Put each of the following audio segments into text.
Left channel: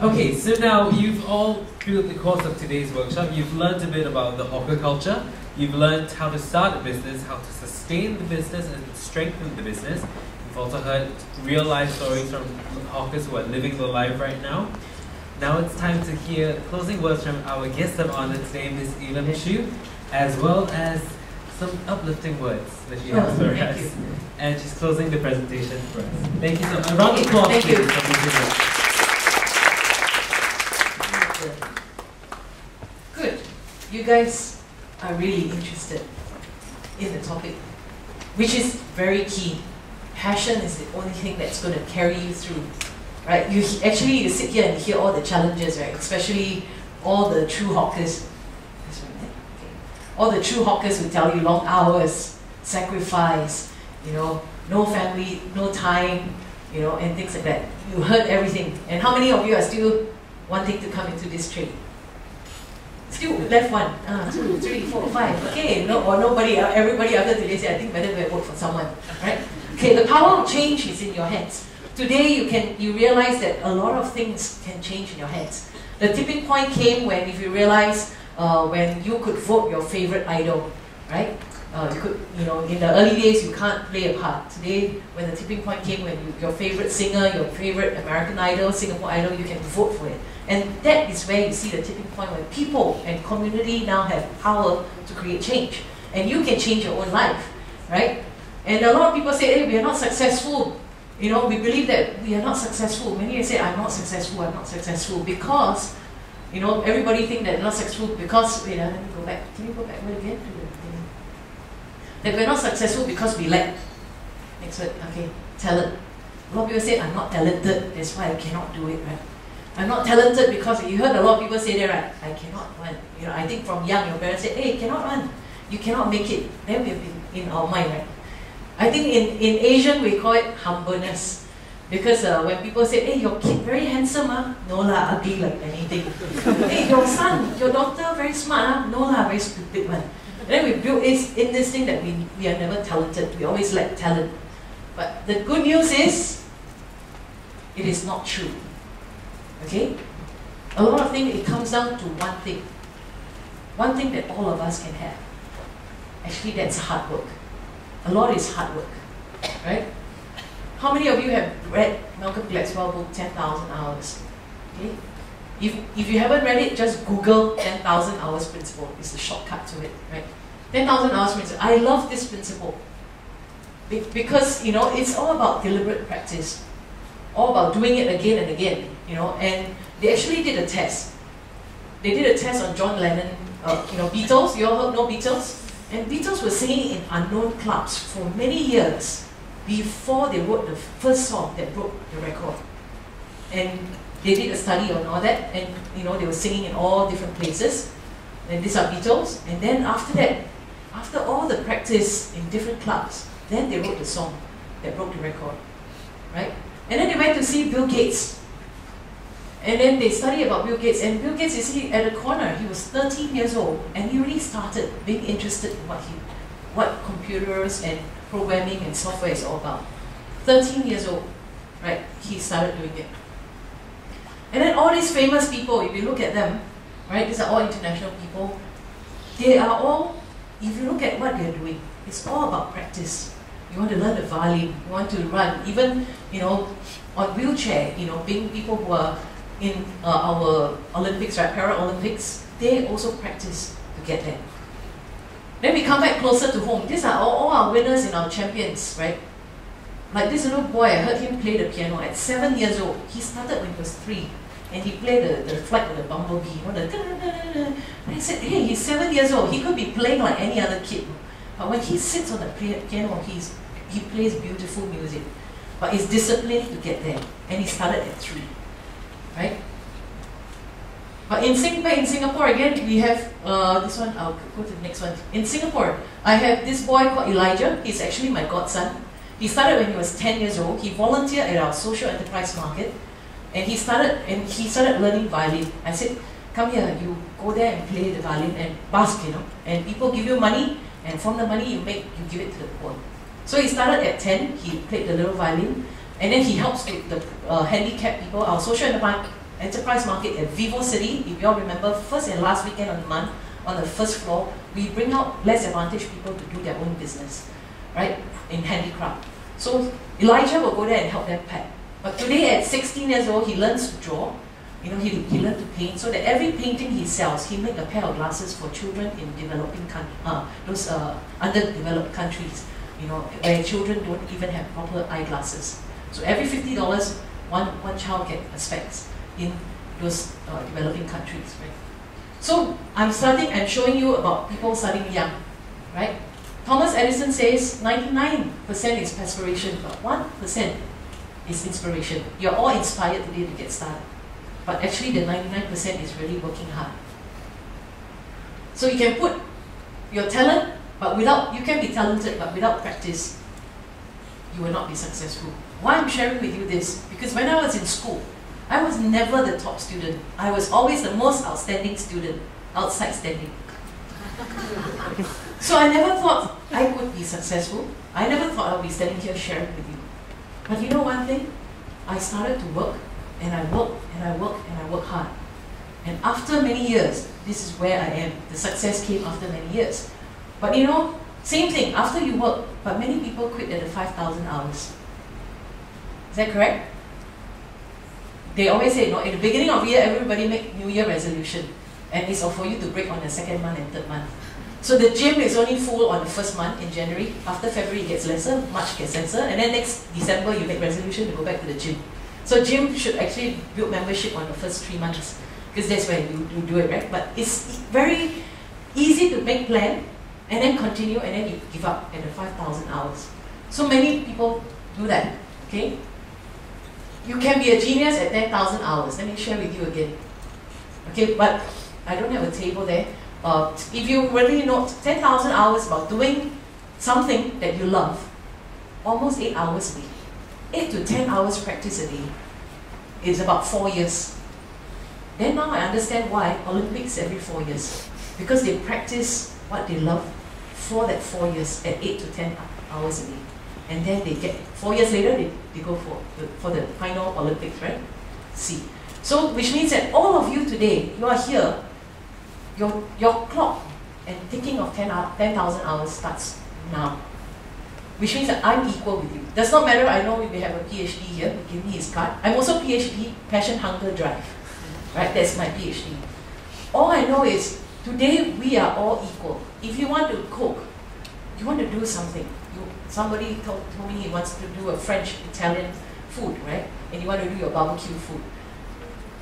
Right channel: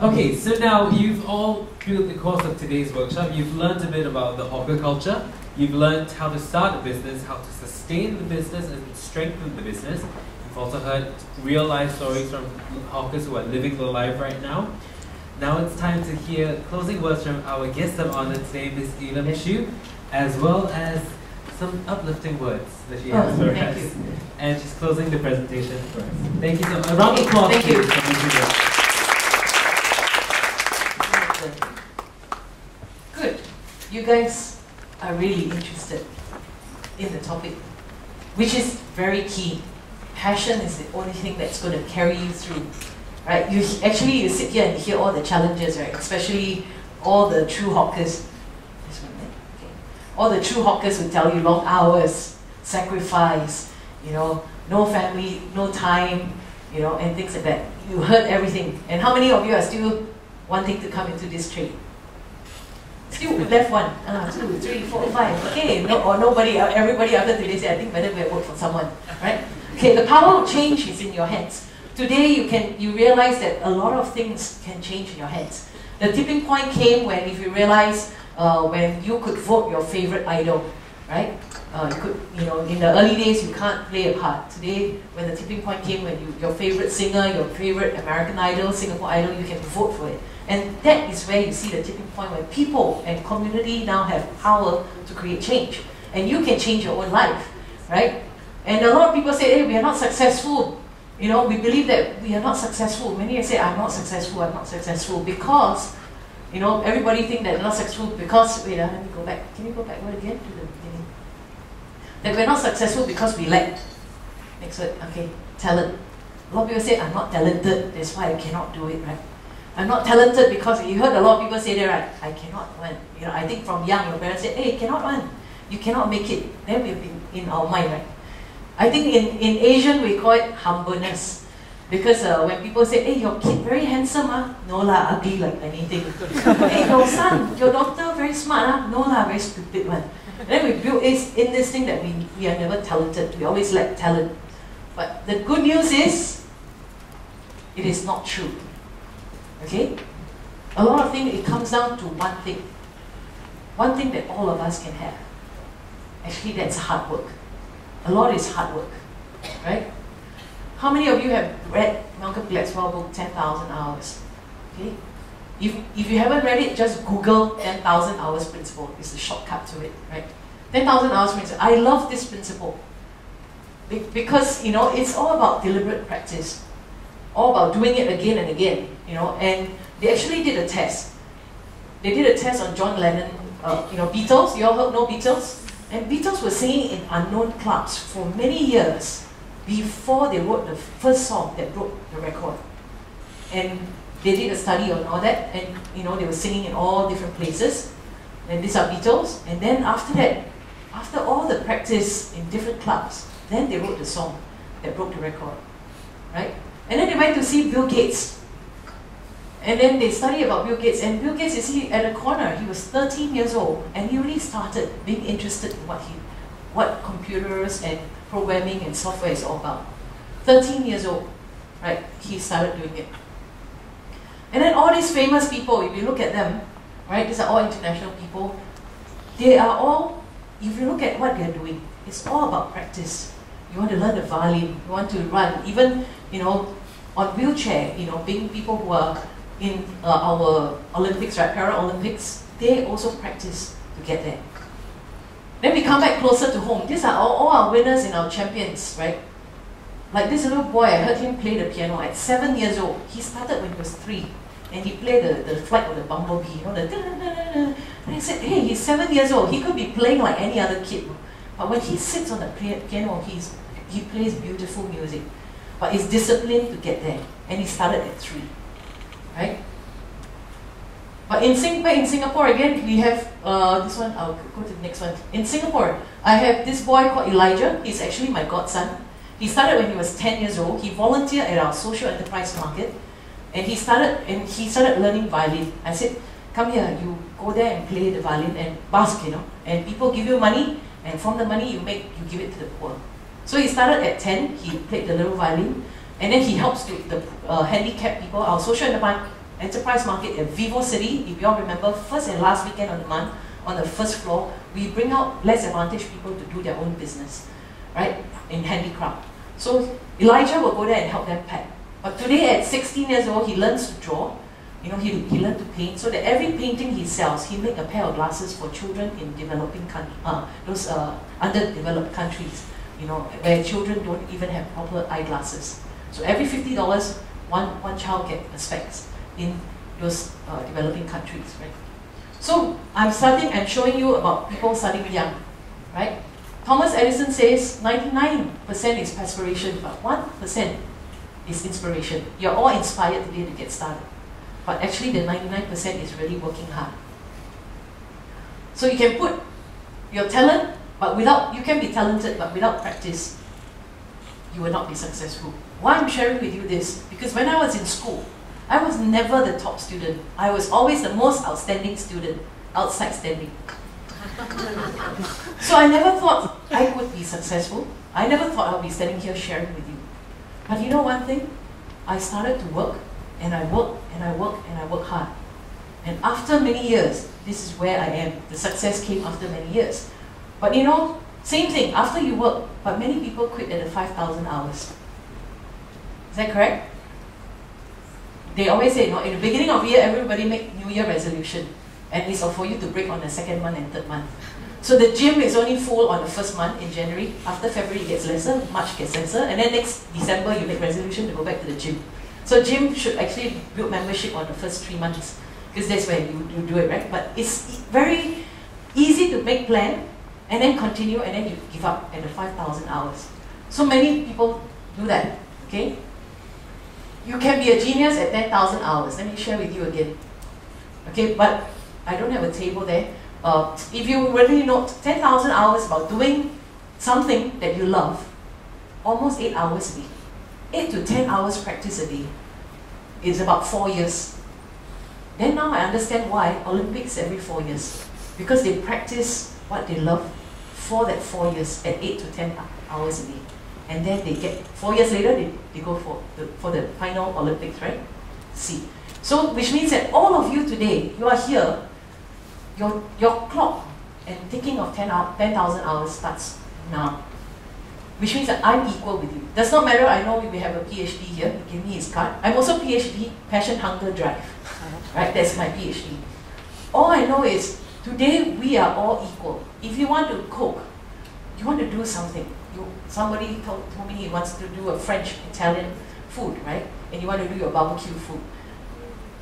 Okay, so now you've all, through the course of today's workshop, you've learned a bit about the hawker culture. You've learned how to start a business, how to sustain the business and strengthen the business. You've also heard real life stories from hawkers who are living the life right now. Now it's time to hear closing words from our guest of honor today, Ms. Elim, as well as some uplifting words that she has for us. And she's closing the presentation for us. Thank you so much. A round of applause. Thank you. Good. You guys are really interested in the topic, which is very key. Passion is the only thing that's going to carry you through, right? You sit here and hear all the challenges, right? Especially all the true hawkers. All the true hawkers will tell you long hours, sacrifice, no family, no time, and things like that. You heard everything. And how many of you are still wanting to come into this trade? Still left one, 2, 3, 4, 5. Okay, or nobody, everybody after today say, I think better go and work for someone, right? Okay, the power of change is in your hands. Today you realize that a lot of things can change in your hands. The tipping point came when if you realize when you could vote your favorite idol, right? You could, in the early days you can't play a part. Today, when the tipping point came, when your favorite singer, your favorite American Idol, Singapore Idol, you can vote for it. And that is where you see the tipping point where people and community now have power to create change. And you can change your own life, right? And a lot of people say, hey, we are not successful. We believe that we are not successful. Many say, I'm not successful because, everybody think that they're not successful because, wait, let me go back. Can you go backward again to the beginning? That we're not successful because we lack. Next word, okay, talent. A lot of people say, I'm not talented, that's why I cannot do it, right? I'm not talented because, you heard a lot of people say that, right? I cannot run. I think from young, your parents say, hey, you cannot run. You cannot make it. Then we've been in our mind, right? I think in Asian, we call it humbleness. Because when people say, hey, your kid very handsome, no lah, ugly like anything. Hey, your son, your daughter very smart, no lah, very stupid one. And then we build in this thing that we are never talented. We always lack talent. But the good news is, it is not true. Okay? A lot of things, it comes down to one thing. One thing that all of us can have. Actually, that's hard work. A lot is hard work. Right? How many of you have read Malcolm Gladwell's book, 10,000 Hours? Okay? If you haven't read it, just Google 10,000 Hours Principle. It's a shortcut to it, right? 10,000 Hours Principle. I love this principle. Because, it's all about deliberate practice. All about doing it again and again, and they actually did a test. They did a test on John Lennon, Beatles. You all know Beatles? And Beatles were singing in unknown clubs for many years before they wrote the first song that broke the record. And they did a study on all that, and they were singing in all different places. And these are Beatles. And then after that, after all the practice in different clubs, then they wrote the song that broke the record, right? And then they went to see Bill Gates. And then they studied about Bill Gates. And Bill Gates, you see, at a corner, he was 13 years old, and he really started being interested in what computers and programming and software is all about. 13 years old, right? He started doing it. And then all these famous people, if you look at them, right? These are all international people. They are all, if you look at what they're doing, it's all about practice. You want to learn the violin, you want to run, even, on wheelchair, being people who are in our Olympics, right, Paralympics, they also practice to get there. Then we come back closer to home. These are all our winners and our champions, right? Like this little boy, I heard him play the piano at 7 years old. He started when he was 3, and he played the flight of the bumblebee, and I said, hey, he's 7 years old. He could be playing like any other kid. But when he sits on the piano, he plays beautiful music. But he's disciplined to get there. And he started at 3. Right? But in Singapore, again, we have this one. I'll go to the next one. In Singapore, I have this boy called Elijah. He's actually my godson. He started when he was 10 years old. He volunteered at our social enterprise market. And he started learning violin. I said, come here, you go there and play the violin and busk, And people give you money. And from the money you make, you give it to the poor. So he started at 10, he played the little violin, and then he helps the handicapped people, our social enterprise enterprise market at Vivo City. If you all remember, first and last weekend of the month, on the first floor, we bring out less advantaged people to do their own business, right, in handicraft. So Elijah will go there and help them pack. But today at 16 years old, he learns to draw. You know, he learned to paint, so that every painting he sells, he make a pair of glasses for children in developing those underdeveloped countries, you know, where children don't even have proper eyeglasses. So every $50, one child get a specs in those developing countries, right? So I'm showing you about people starting young, right? Thomas Edison says 99% is perspiration, but 1% is inspiration. You're all inspired today to get started. But actually the 99% is really working hard. So you can put your talent, but you can be talented, but without practice, you will not be successful. Why I'm sharing with you this? Because when I was in school, I was never the top student. I was always the most outstanding student, outside standing. So I never thought I would be successful. I never thought I would be standing here sharing with you. But you know one thing? I started to work, and I work, and I work, and I work hard. And after many years, this is where I am. The success came after many years. But you know, same thing, after you work, but many people quit at the 5,000 hours. Is that correct? They always say, you know, in the beginning of the year, everybody make New Year resolution. And it's for you to break on the second month and third month. So the gym is only full on the first month in January. After February, it gets lesser, March gets lesser, and then next December, you make resolution to go back to the gym. So gym should actually build membership on the first 3 months, because that's where you do it, right? But it's very easy to make plan, and then continue, and then you give up at the 5,000 hours. So many people do that, okay? You can be a genius at 10,000 hours. Let me share with you again. Okay, but I don't have a table there. If you really know 10,000 hours about doing something that you love, almost 8 hours a day. 8 to 10 hours practice a day is about 4 years. Then now I understand why Olympics every 4 years. Because they practice what they love for that 4 years at 8 to 10 hours a day. And then they get, 4 years later, they go for the final Olympics, right? See. So, which means that all of you today, you are here, your clock and thinking of 10,000 hours starts now. Which means that I'm equal with you. Does not matter, I know we have a PhD here, give me his card. I'm also PhD, passion, hunger, drive. Right, that's my PhD. All I know is, today we are all equal. If you want to cook, you want to do something. Somebody told me he wants to do a French, Italian food, right? And you want to do your barbecue food.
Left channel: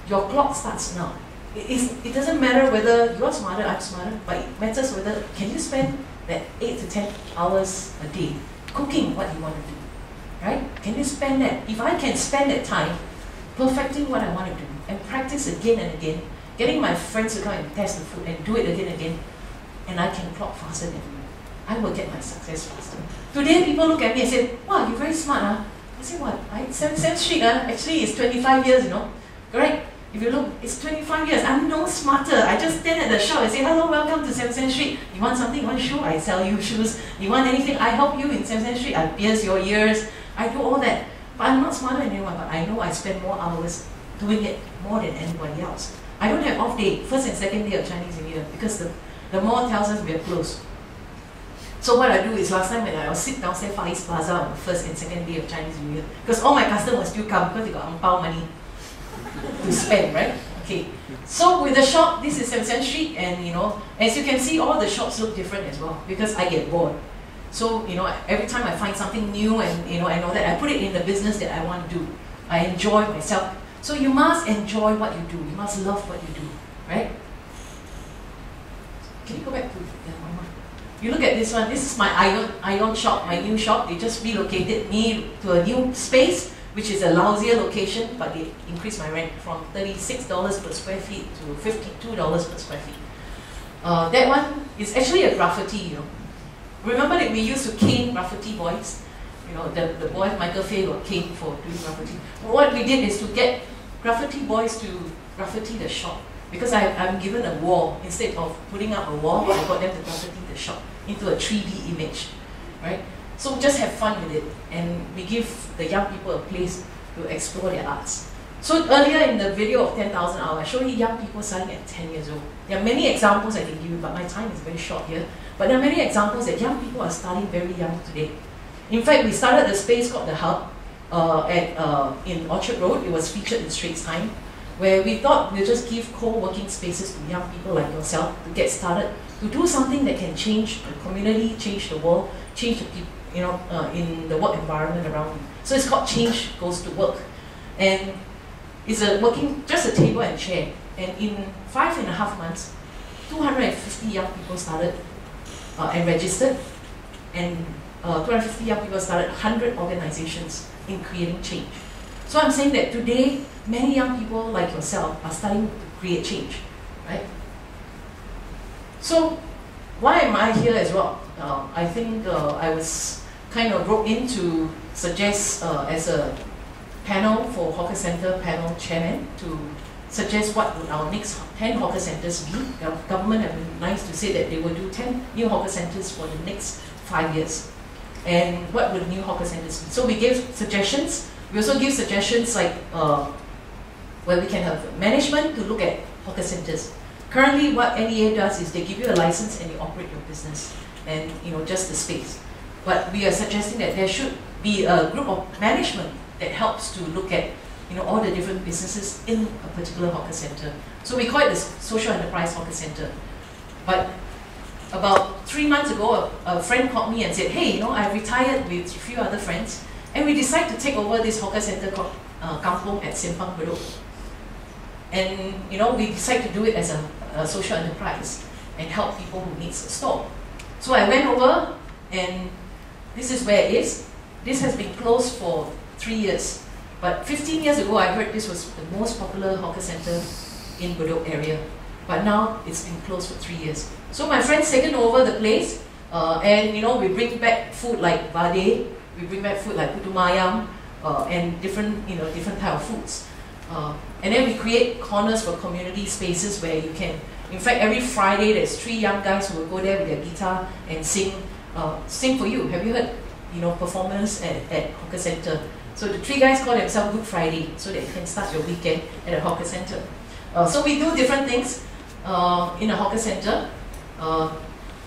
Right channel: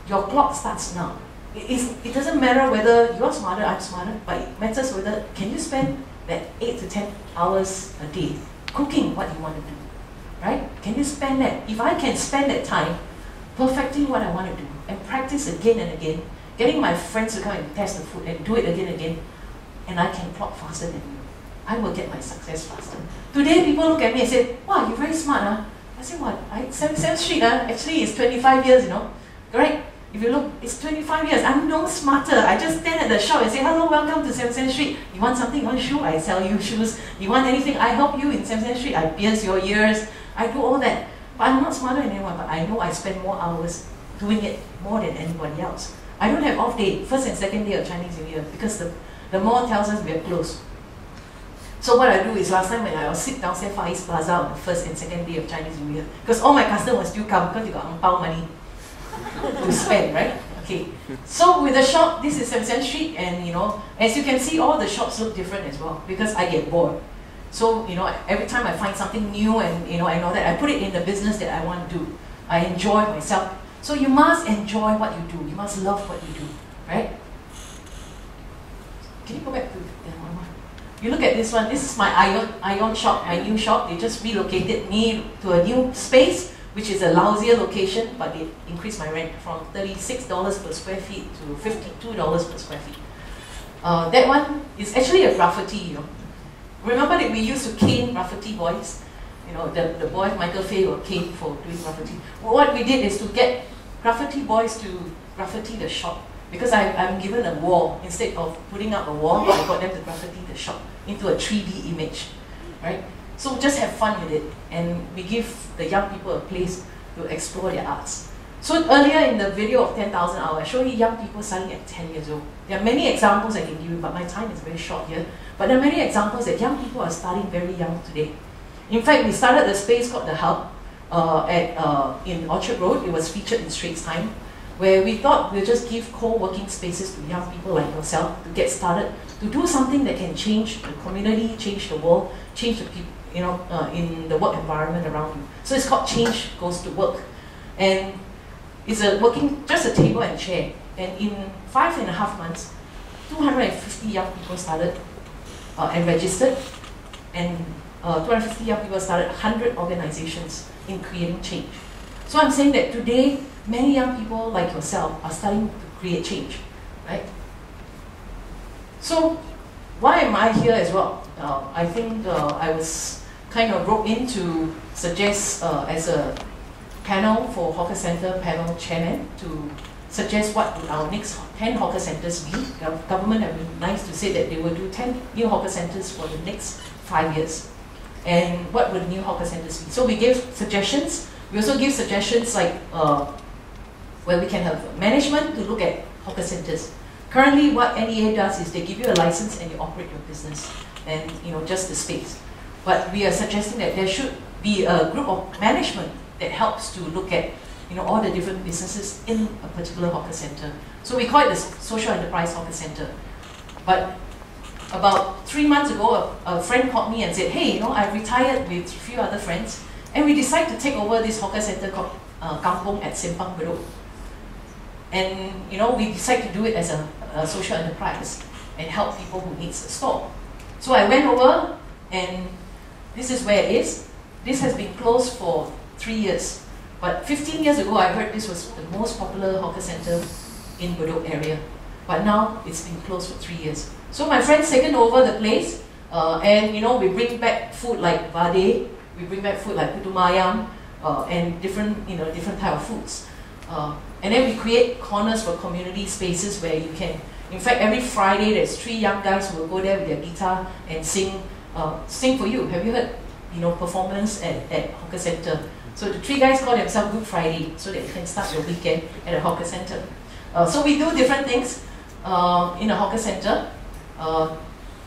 Your clock starts now. It doesn't matter whether you're smarter, I'm smarter, but it matters whether, can you spend that 8 to 10 hours a day cooking what you want to do, right? Can you spend that? If I can spend that time perfecting what I want to do and practice again and again, getting my friends to come and test the food and do it again and again, and I can clock faster than you, I will get my success faster. Today people look at me and say, wow, you're very smart, huh? I say, what? 77th Street, actually it's 25 years, you know, right? If you look, it's 25 years. I'm no smarter. I just stand at the shop and say, hello, welcome to 77th Street. You want something? You want shoe? I sell you shoes. You want anything? I help you in 77th Street. I pierce your ears. I do all that. But I'm not smarter than anyone, but I know I spend more hours doing it more than anybody else. I don't have off day, first and second day of Chinese New Year, because the mall tells us we are closed. So what I do is, last time when I was sit downstairs Far East Plaza on the first and second day of Chinese New Year, because all my customers still come because they got ang pao money to spend, right? Okay. So with the shop, this is 77th Street, and you know, as you can see, all the shops look different as well, because I get bored. So, you know, every time I find something new and, you know, I know that I put it in the business that I want to do. I enjoy myself. So you must enjoy what you do. You must love what you do, right? Can you go back to one more? You look at this one. This is my Ion shop, my new shop. They just relocated me to a new space, which is a lousier location, but they increased my rent from $36 per square feet to $52 per square feet. That one is actually a graffiti, you know. Remember that we used to cane graffiti boys? You know, the boy Michael Fay got caned for doing graffiti. Well, what we did is to get graffiti boys to graffiti the shop. Because I'm given a wall. Instead of putting up a wall, I got them to graffiti the shop into a 3D image, right? So just have fun with it, and we give the young people a place to explore their arts. So earlier in the video of 10,000 hours, I showed you young people starting at 10 years old. There are many examples I can give you, but my time is very short here. But there are many examples that young people are starting very young today. In fact, we started a space called The Hub in Orchard Road. It was featured in Straits Times, where we thought we'll just give co-working spaces to young people like yourself to get started, to do something that can change the community, change the world, change the people, in the work environment around you. So it's called Change Goes to Work. And it's just a table and chair. And in 5.5 months, 250 young people started and registered. And 250 young people started 100 organizations in creating change. So I'm saying that today, many young people like yourself are starting to create change, right? So why am I here as well? I think I was kind of brought in to suggest as a panel for Hawker Centre panel chairman to suggest what would our next 10 hawker centres be. The government have been nice to say that they will do 10 new hawker centres for the next 5 years. And what would new hawker centres be? So we gave suggestions. We also give suggestions like where we can have management to look at hawker centres. Currently, what NEA does is they give you a license and you operate your business, and just the space. But we are suggesting that there should be a group of management that helps to look at all the different businesses in a particular hawker centre. So we call it the social enterprise hawker centre. But about 3 months ago, a friend called me and said, hey, I retired with a few other friends, and we decided to take over this hawker centre called Kampong at Simpang Bedok. And we decided to do it as a social enterprise and help people who need a store. So I went over, and this is where it is. This has been closed for 3 years. But 15 years ago, I heard this was the most popular hawker centre in Bedok area. But now it's been closed for 3 years. So my friend's taken over the place, and we bring back food like vade, we bring back food like putu mayam, and different type of foods. And then we create corners for community spaces where you can, in fact, every Friday there's 3 young guys who will go there with their guitar and sing for you. Have you heard, performance at hawker centre? So the 3 guys call themselves Good Friday, so that you can start your weekend at a hawker centre. So we do different things in a hawker centre.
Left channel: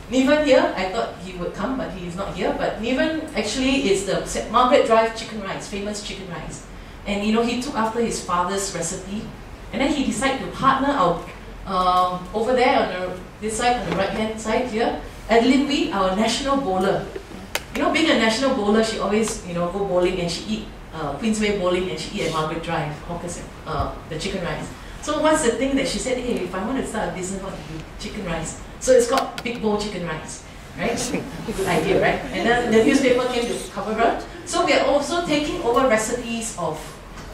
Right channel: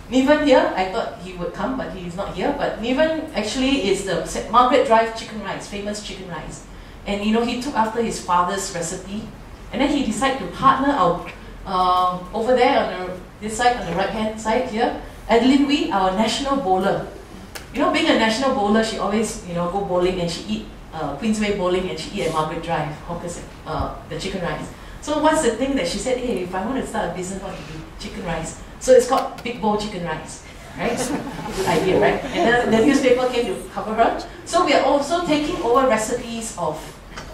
Niven here, I thought he would come, but he is not here. But Niven actually is the Margaret Drive chicken rice, famous chicken rice. And he took after his father's recipe, and then he decided to partner out over there on this side, on the right hand side here, Elim, our national bowler. Being a national bowler, she always go bowling, and she eat Queensway bowling, and she eat at Margaret Drive, the chicken rice. So what's the thing that she said, hey, if I want to start a business, what to do? Chicken rice. So it's called Big Bowl Chicken Rice, right? Good idea, right? And then the newspaper came to cover her. So we are also taking over recipes of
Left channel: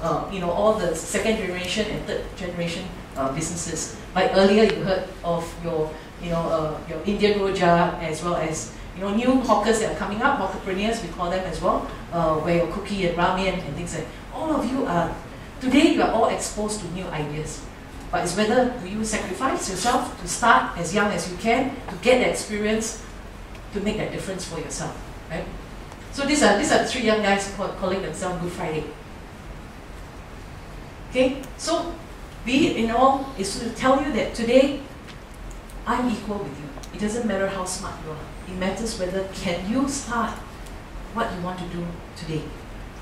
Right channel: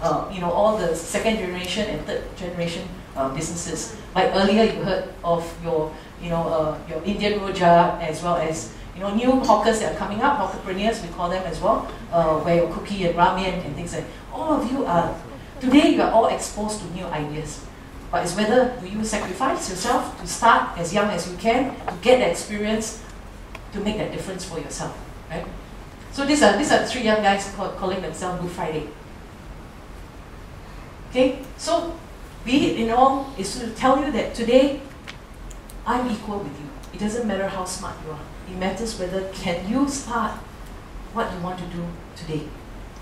all the second generation and third generation businesses. Like earlier you heard of your Indian Rojak, as well as new hawkers that are coming up, hawkerpreneurs we call them as well, where your cookie and ramen and things like that. All of you are, today you are all exposed to new ideas. But it's whether do you sacrifice yourself to start as young as you can, to get the experience, to make that difference for yourself, right? So these are the 3 young guys calling themselves Good Friday. Okay, so be it in all is to tell you that today I'm equal with you. It doesn't matter how smart you are. It matters whether can you start what you want to do today,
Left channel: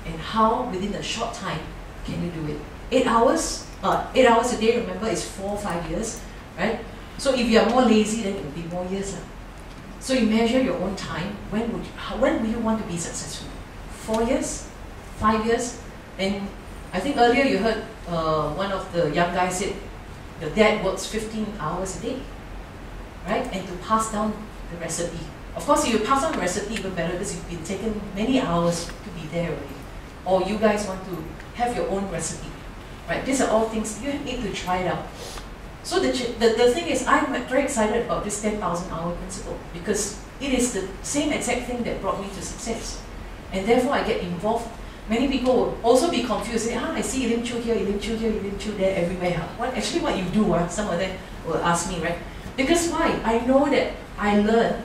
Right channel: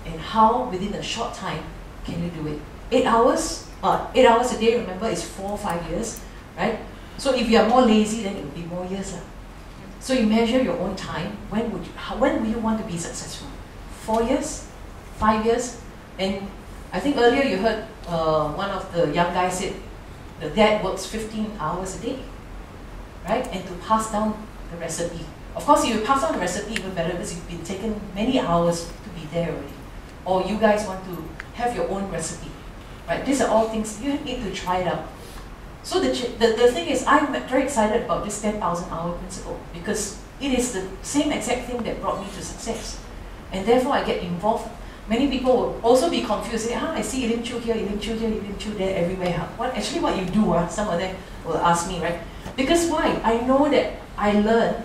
and how within a short time can you do it. 8 hours? 8 hours a day, remember, is 4 or 5 years, right? So if you are more lazy, then it will be more years. So you measure your own time. When will you want to be successful? 4 years? 5 years? And I think earlier you heard one of the young guys said the dad works 15 hours a day, right? And to pass down the recipe. Of course, if you pass on the recipe, even better, because you've been taken many hours to be there already. Or you guys want to have your own recipe, right? These are all things you need to try it out. So the thing is, I'm very excited about this 10,000 hour principle, because it is the same exact thing that brought me to success. And therefore, I get involved. Many people will also be confused. Say, I see Elim Chu here, Elim Chu here, Elim Chu there, everywhere. What you do, some of them will ask me, right? Because why? I know that I learn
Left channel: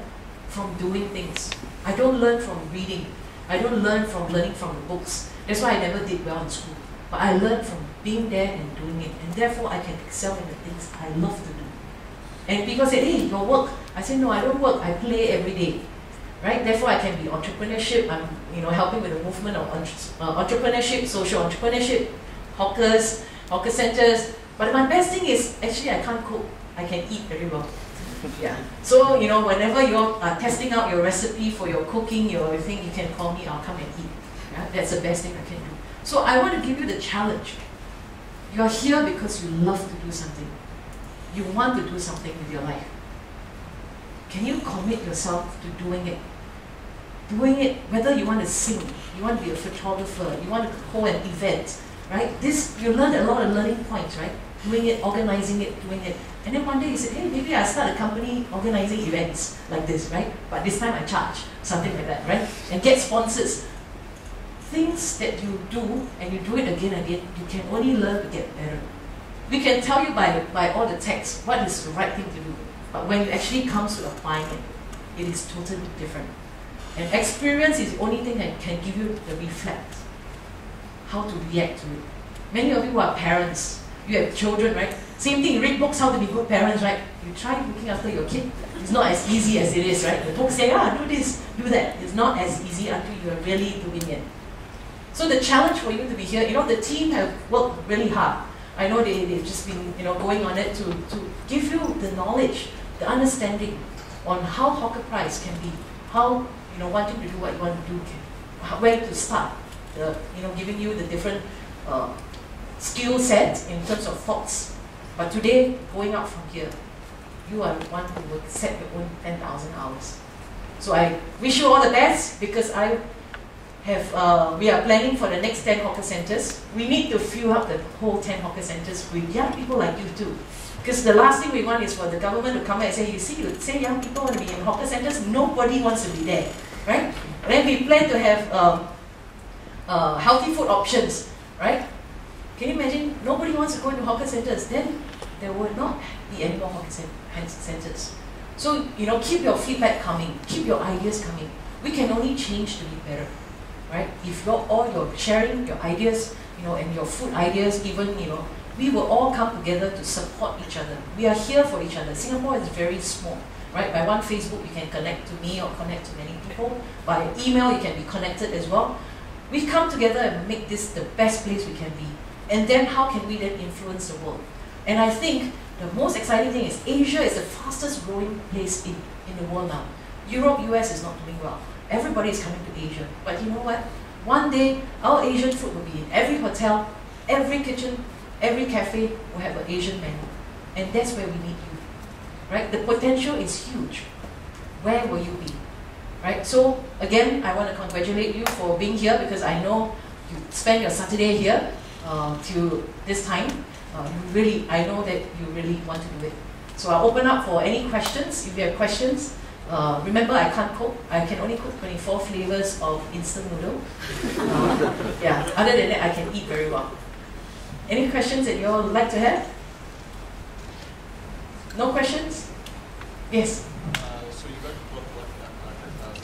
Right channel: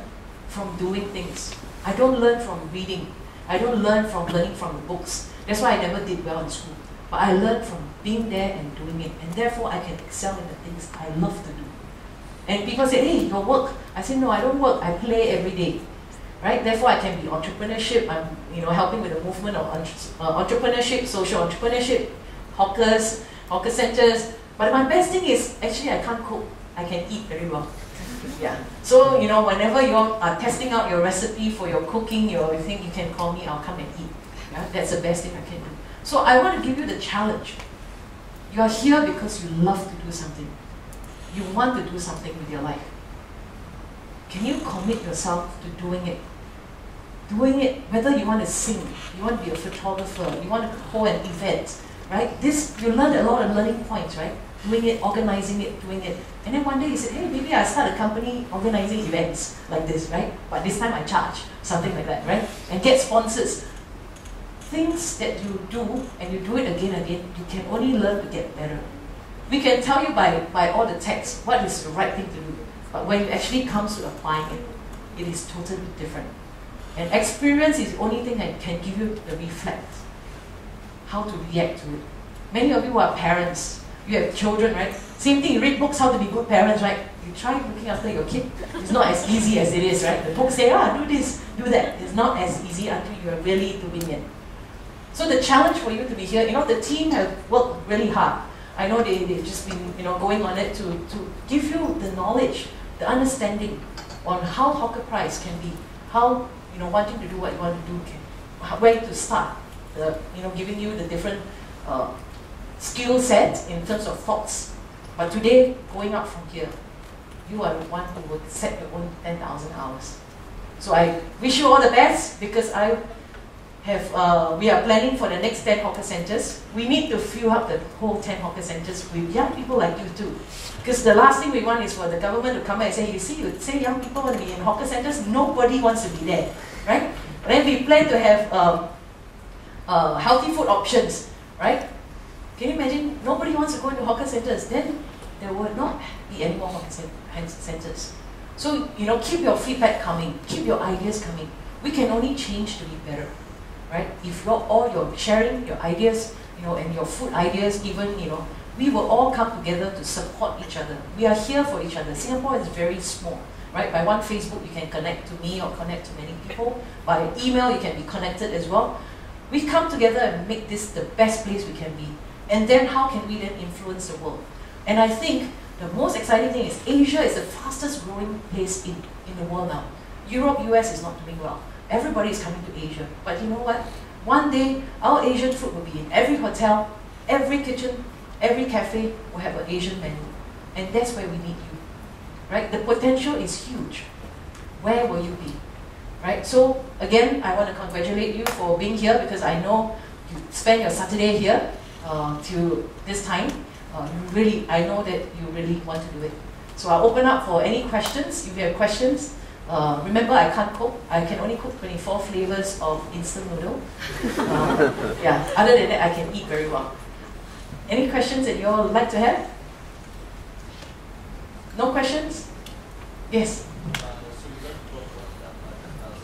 from doing things. I don't learn from reading. I don't learn from learning from the books. That's why I never did well in school. But I learned from being there and doing it, and therefore I can excel in the things I love to do. And people say, hey, your work. I say, no, I don't work, I play every day. Right? Therefore, I can be entrepreneurship. I'm helping with the movement of entrepreneurship, social entrepreneurship, hawkers, hawker centers. But my best thing is, actually, I can't cook. I can eat very well. Yeah. So, whenever you are testing out your recipe for your cooking, your thing, you can call me, I'll come and eat. Yeah? That's the best thing I can do. So I want to give you the challenge. You are here because you love to do something. You want to do something with your life. Can you commit yourself to doing it? Doing it, whether you want to sing, you want to be a photographer, you want to hold an event, right? You learn a lot of learning points, right? Doing it, organizing it, doing it. And then one day you said, hey, maybe I start a company organizing events like this, right? But this time I charge, something like that, right? And get sponsors. Things that you do, and you do it again and again, you can only learn to get better. We can tell you by all the text what is the right thing to do. But when it actually comes to applying it, it is totally different. And experience is the only thing that can give you the reflex, how to react to it. Many of you are parents, you have children, right? Same thing, you read books how to be good parents, right? You try looking after your kid. It's not as easy as it is, right? The books say, do this, do that. It's not as easy until you are really doing it. So the challenge for you to be here, the team have worked really hard. I know they've just been going on it to give you the knowledge, the understanding on how YHawkerprise can be, how wanting to do what you want to do, where to start, giving you the different skill sets in terms of thoughts. But today, going out from here, you are one who will set your own 10,000 hours. So I wish you all the best, because we are planning for the next 10 hawker centers. We need to fill up the whole 10 hawker centers with young people like you too. Because the last thing we want is for the government to come and say, you say young people want to be in hawker centers, nobody wants to be there, right? Then we plan to have healthy food options, right? Can you imagine? Nobody wants to go into hawker centers. Then there will not be any more hawker centers. So, keep your feedback coming, keep your ideas coming. We can only change to be better. Right? If you're sharing your ideas, and your food ideas, even, we will all come together to support each other. We are here for each other. Singapore is very small, right? By one Facebook, you can connect to me or connect to many people. By email, you can be connected as well. We come together and make this the best place we can be. And then how can we then influence the world? And I think the most exciting thing is Asia is the fastest growing place in the world now. Europe, US is not doing well. Everybody is coming to Asia. But you know what? One day, our Asian food will be in every hotel, every kitchen, every cafe will have an Asian menu. And that's where we need you. Right? The potential is huge. Where will you be? Right? So, again, I want to congratulate you for being here, because I know you spend your Saturday here till this time. I know that you really want to do it. So I'll open up for any questions. If you have questions, remember, I can't cook. I can only cook 24 flavors of instant noodle. Yeah, other than that, I can eat very well. Any questions that you all would like to have? No questions? Yes? So you got the book, what, 10,000?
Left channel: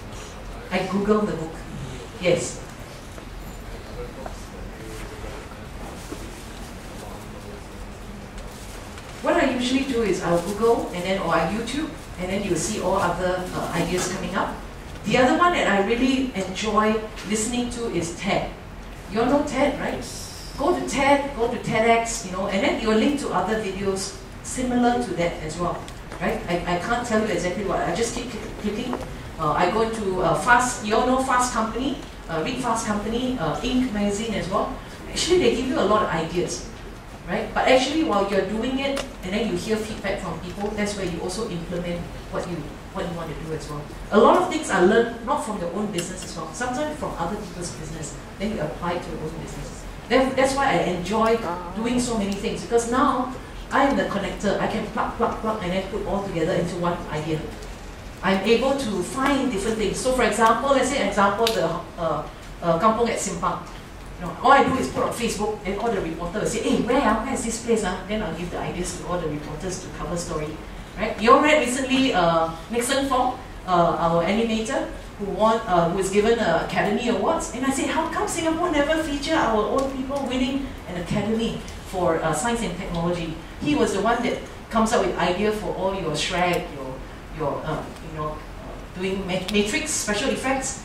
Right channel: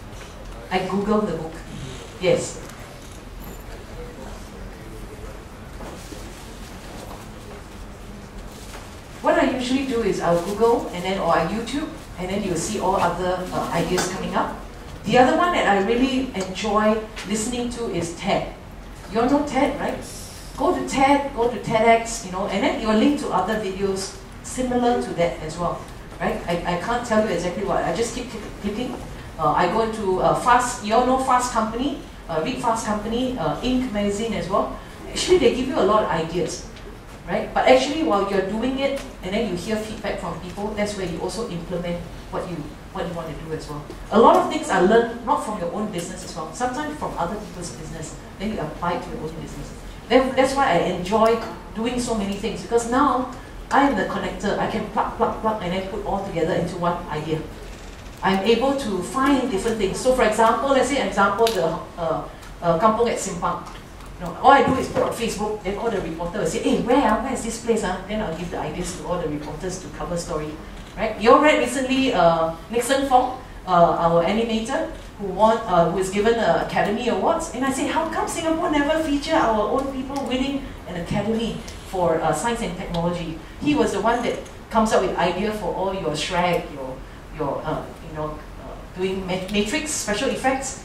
I googled the book. Yes. What I usually do is I'll Google or I YouTube, and then you'll see all other ideas coming up. The other one that I really enjoy listening to is TED. You all know TED, right? Go to TED, go to TEDx, and then you'll link to other videos similar to that as well, right? I can't tell you exactly what. I just keep clicking. I go to Fast. You all know Fast Company, read Fast Company, Inc. magazine as well. Actually, they give you a lot of ideas, right? But actually, while you're doing it, and then you hear feedback from people, that's where you also implement what you want to do as well. A lot of things I learned not from your own business as well, sometimes from other people's business, then you apply it to your own business. That's why I enjoy doing so many things, because now I am the connector. I can plug, and then put all together into one idea. I'm able to find different things. So for example, let's say the kampong at Simpang. All I do is put on Facebook, then all the reporters will say, hey, where is this place? Then I'll give the ideas to all the reporters to cover story. Right? You all read recently Nixon Fong, our animator who won, who was given Academy Awards. And I said, how come Singapore never feature our own people winning an Academy for science and technology? He was the one that comes up with idea for all your Shrek, your doing matrix, special effects.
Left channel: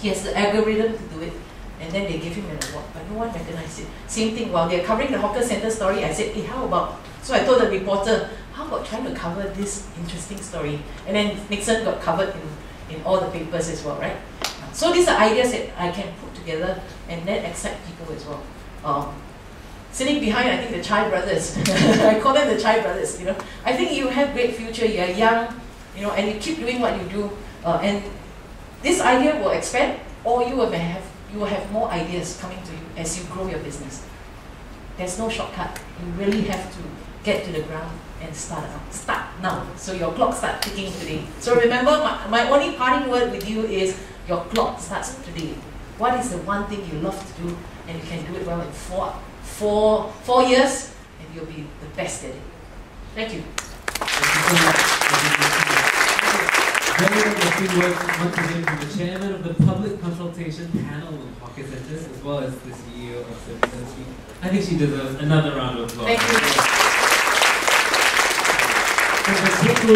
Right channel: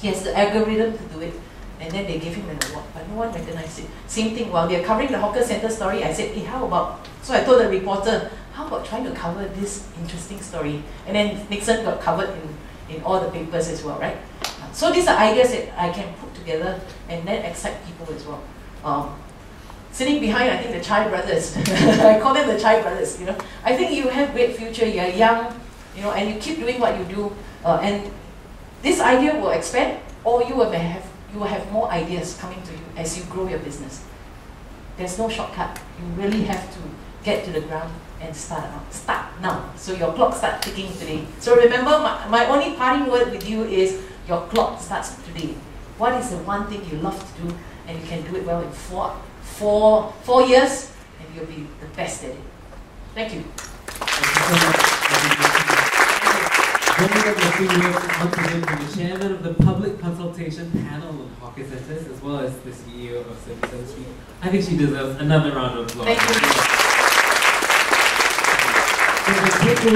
He has the algorithm to do it. And then they gave him an award, but no one recognized it. Same thing, while they're covering the hawker center story, I said, hey, how about, so I told the reporter, how about trying to cover this interesting story? And then Nixon got covered in all the papers as well, right? So these are ideas that I can put together and then excite people as well. Sitting behind, I think the Chai brothers, I call them the Chai brothers, you know. I think you have great future, you're young, you know, and you keep doing what you do, and this idea will expand, or you will have more ideas coming to you as you grow your business. There's no shortcut. You really have to get to the ground and start now. So your clock starts ticking today. So remember, my only parting word with you is your clock starts today. What is the one thing you love to do and you can do it well in four years, and you'll be the best at it. Thank you. Thank you so much. Very uplifting words once again from the chairman of the public consultation panel of hawker centers, as well as the CEO of Service Street. I think she deserves another round of applause. Thank you. And the takeaway